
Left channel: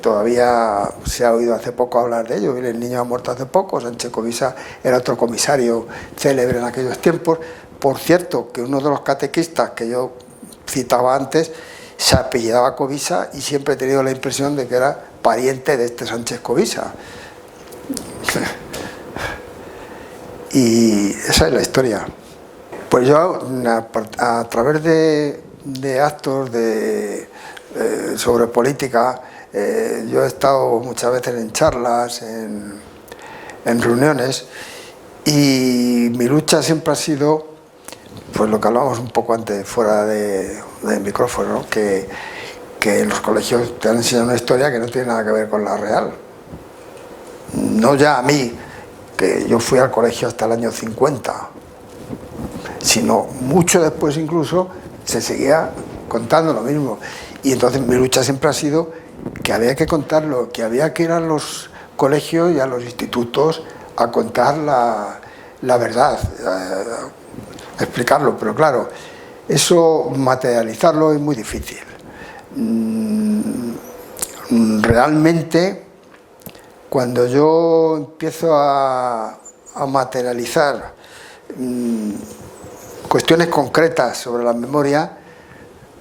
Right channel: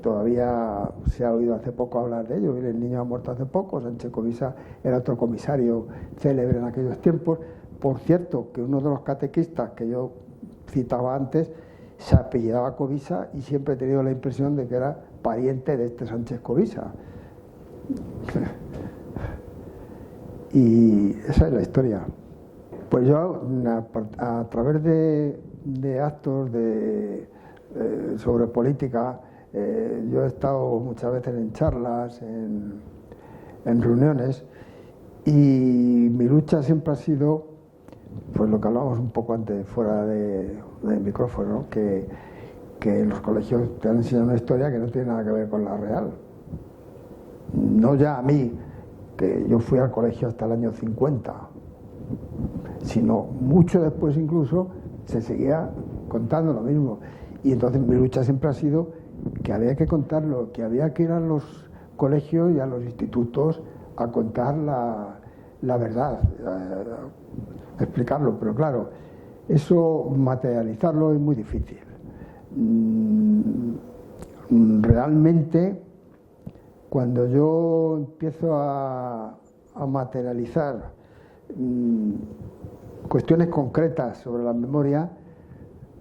todavía se ha oído hace poco hablar de ello. Billy el Niño ha muerto hace poco. Sánchez Covisa era otro comisario célebre en aquellos tiempos. Por cierto, que uno de los catequistas que yo citaba antes se apellidaba Covisa, y siempre he tenido la impresión de que era pariente de este Sánchez Covisa. Y esa es la historia. Pues yo, a través de actos sobre política, yo he estado muchas veces en charlas, en reuniones, y mi lucha siempre ha sido, pues lo que hablábamos un poco antes fuera del micrófono, ¿no? que en los colegios te han enseñado una historia que no tiene nada que ver con la real. No ya a mí, que yo fui al colegio hasta el año 50, sino mucho después incluso se seguía contando lo mismo. Y entonces mi lucha siempre ha sido que había que contarlo, que había que ir a los colegios y a los institutos a contar la verdad, a explicarlo. Pero claro, eso materializarlo es muy difícil. Realmente, cuando yo empiezo a materializar cuestiones concretas sobre la memoria,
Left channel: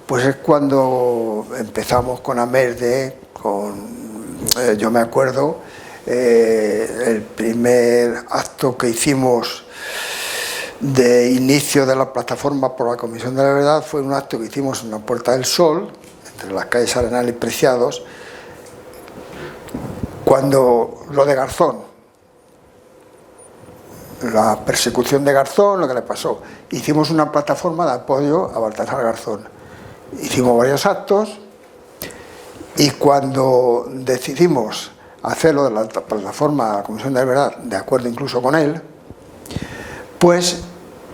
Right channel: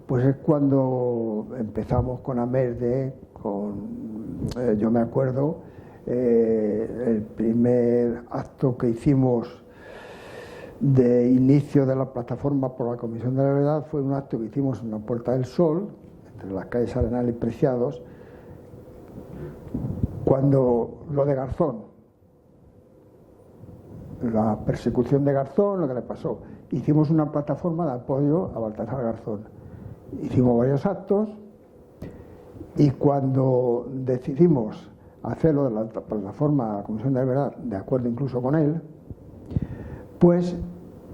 pues es cuando empezamos con Amerde, yo me acuerdo, el primer acto que hicimos de inicio de la plataforma por la Comisión de la Verdad fue un acto que hicimos en la Puerta del Sol, entre las calles Arenal y Preciados, cuando lo de Garzón, la persecución de Garzón, lo que le pasó. Hicimos una plataforma de apoyo a Baltasar Garzón. Hicimos varios actos, y cuando decidimos hacerlo de la plataforma de la Comisión de la Verdad, de acuerdo incluso con él, pues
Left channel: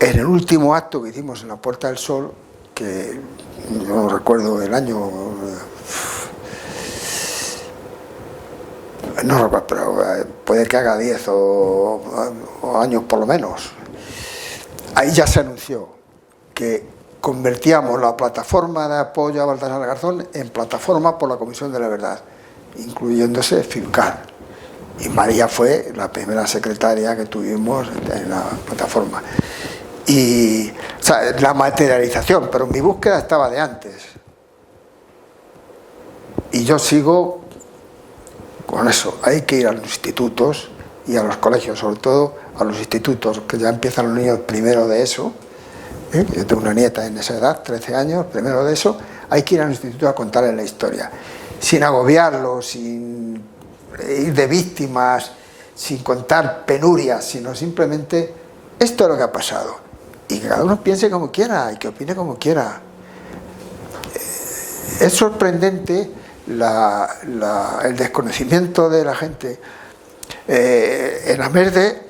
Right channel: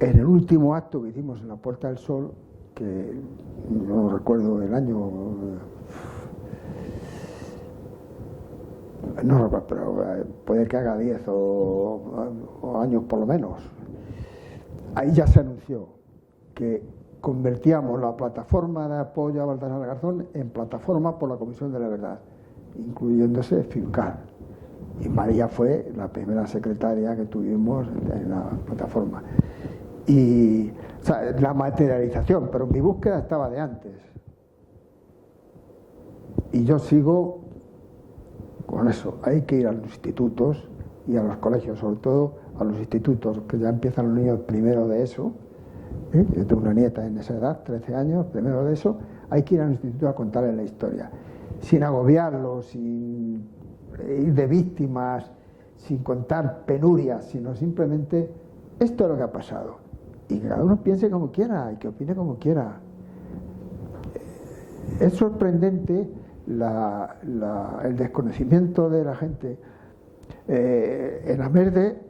en el último acto que hicimos en la Puerta del Sol, que yo no recuerdo el año, no recuerdo, pero puede que haga 10 o años por lo menos, ahí ya se anunció que convertíamos la plataforma de apoyo a Baltasar Garzón en plataforma por la Comisión de la Verdad, incluyéndose FIBCAR. Y María fue la primera secretaria que tuvimos en la plataforma. Y, o sea, la materialización, pero mi búsqueda estaba de antes. Y yo sigo con eso. Hay que ir a los institutos y a los colegios, sobre todo a los institutos, que ya empiezan los niños primero de eso. Yo tengo una nieta en esa edad, 13 años, primero de eso. Hay que ir al instituto a contarles la historia, sin agobiarlos, sin ir de víctimas, sin contar penurias, sino simplemente esto es lo que ha pasado, y que cada uno piense como quiera y que opine como quiera. Es sorprendente el desconocimiento de la gente. En Amerde,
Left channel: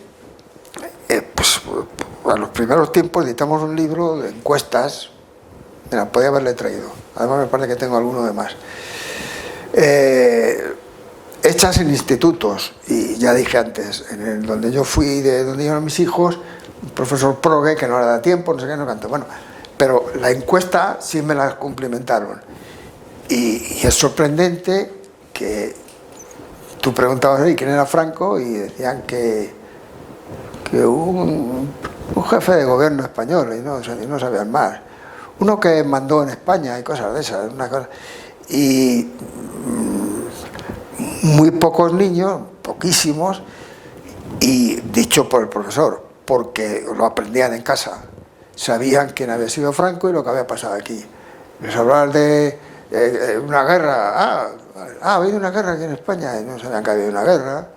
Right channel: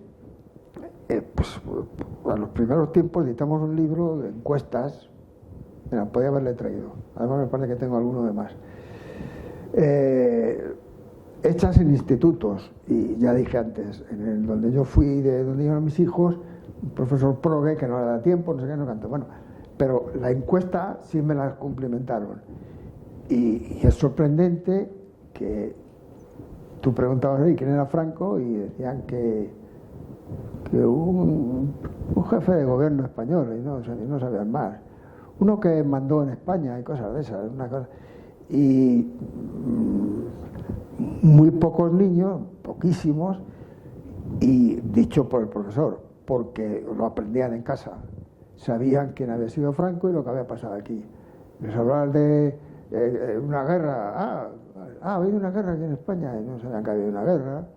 pues a los primeros tiempos editamos un libro de encuestas. Mira, podía haberle traído, además me parece que tengo alguno de más, hechas en institutos. Y ya dije antes, donde yo fui, de donde iban mis hijos, un profesor Progue, que no le da tiempo, no sé qué, no cantó. Bueno, pero la encuesta sí me la cumplimentaron. Y es sorprendente que tú preguntabas, ¿y quién era Franco? Y decían que un jefe de gobierno español, y no sabían más. Uno que mandó en España y cosas de esas, una cosa. Y muy pocos niños, poquísimos, y dicho por el profesor, porque lo aprendían en casa, sabían quién había sido Franco y lo que había pasado aquí. Les hablaban de una guerra, ha habido una guerra aquí en España, y no sabían que había una guerra,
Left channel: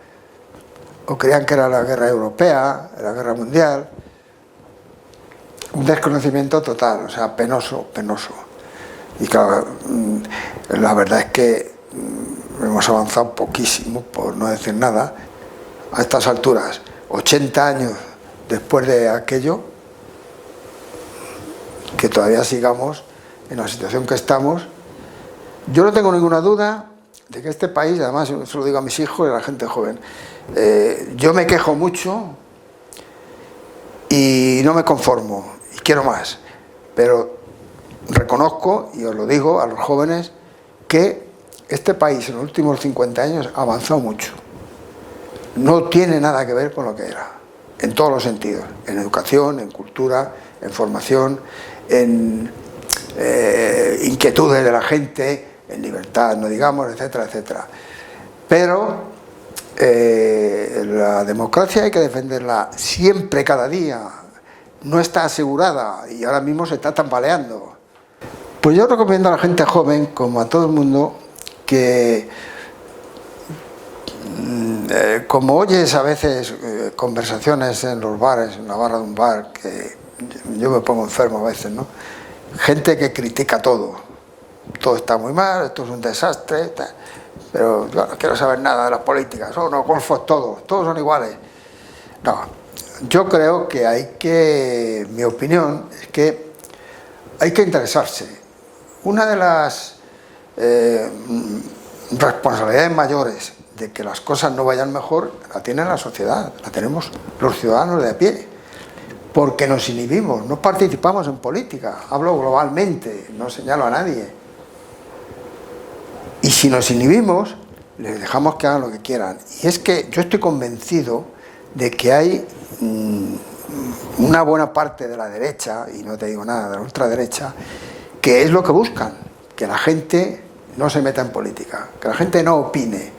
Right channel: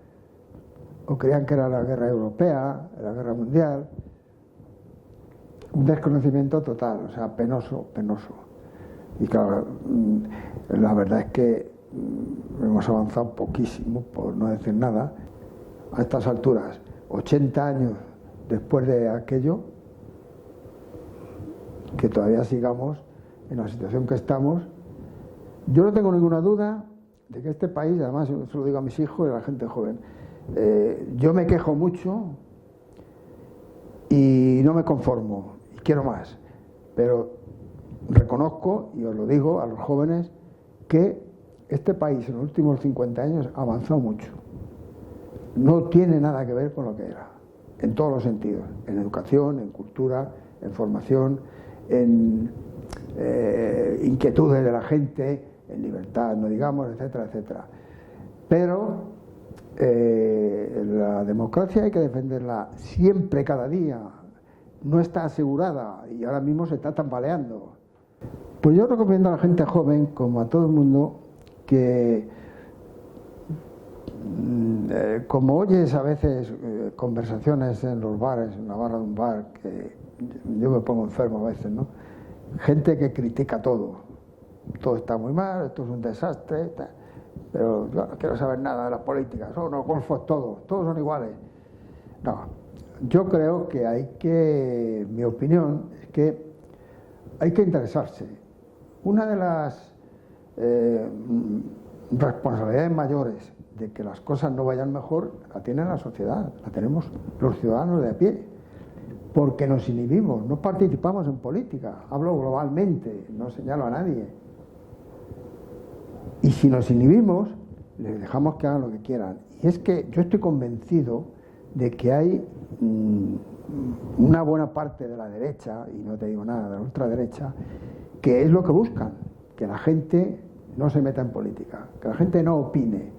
o creían que era la guerra europea, la guerra mundial. Un desconocimiento total, o sea, penoso. Y claro, la verdad es que hemos avanzado poquísimo, por no decir nada, a estas alturas. 80 años después de aquello, que todavía sigamos en la situación que estamos, Yo no tengo ninguna duda de que este país, además se lo digo a mis hijos y a la gente joven, yo me quejo mucho y no me conformo y quiero más, pero reconozco, y os lo digo a los jóvenes, que este país en los últimos 50 años ha avanzado mucho. No tiene nada que ver con lo que era, en todos los sentidos, en educación, en cultura, en formación, en inquietudes de la gente, en libertad, no digamos, etcétera, etcétera. Pero la democracia hay que defenderla siempre, cada día. No está asegurada y ahora mismo se está tambaleando. Pues yo recomiendo a la gente joven, como a todo el mundo, que como oyes a veces conversaciones en los bares, en la barra de un bar, que yo me pongo enfermo a veces, ¿no? Gente que critica todo está muy mal, esto es un desastre, pero yo no quiero saber nada de las políticas, son unos golfos todos son iguales. No, yo creo que mi opinión es que hay que interesarse. Una de las responsabilidades mayores de que las cosas no vayan mejor la tiene la sociedad, la tenemos los ciudadanos de a pie, porque nos inhibimos, no participamos en política, hablo globalmente, no señalo a nadie. Y si nos inhibimos, les dejamos que hagan lo que quieran. Y es que yo estoy convencido de que hay una buena parte de la derecha, y no te digo nada de la ultraderecha, que es lo que buscan, que la gente no se meta en política, que la gente no opine,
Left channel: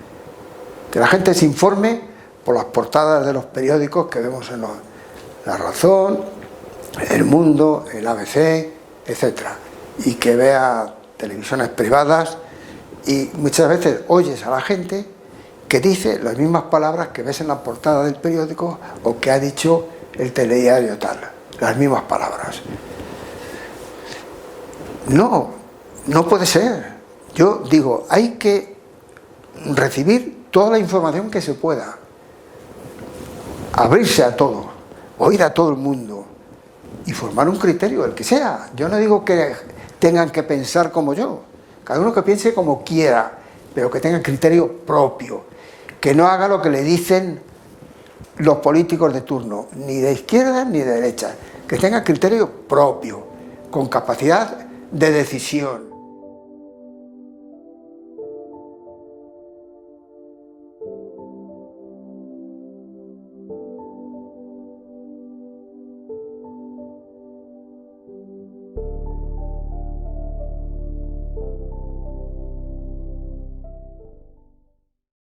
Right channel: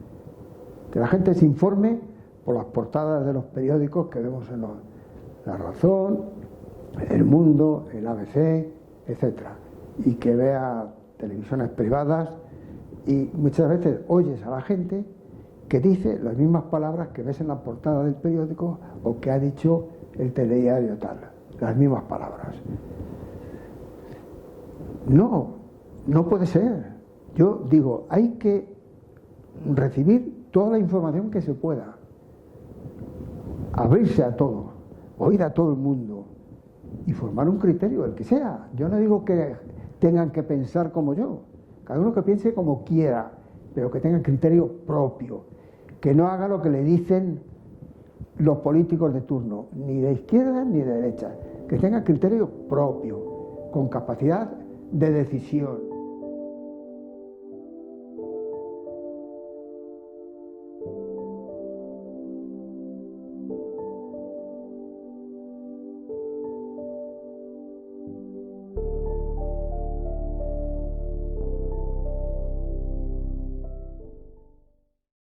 que la gente se informe por las portadas de los periódicos que vemos en La Razón, El Mundo, el ABC, etcétera, y que vea televisiones privadas. Y muchas veces oyes a la gente que dice las mismas palabras que ves en la portada del periódico o que ha dicho el telediario tal, las mismas palabras. No puede ser. Yo digo, hay que recibir toda la información que se pueda, abrirse a todo, oír a todo el mundo y formar un criterio, el que sea. Yo no digo que tengan que pensar como yo, cada uno que piense como quiera, pero que tenga criterio propio, que no haga lo que le dicen los políticos de turno, ni de izquierda ni de derecha, que tenga criterio propio, con capacidad de decisión.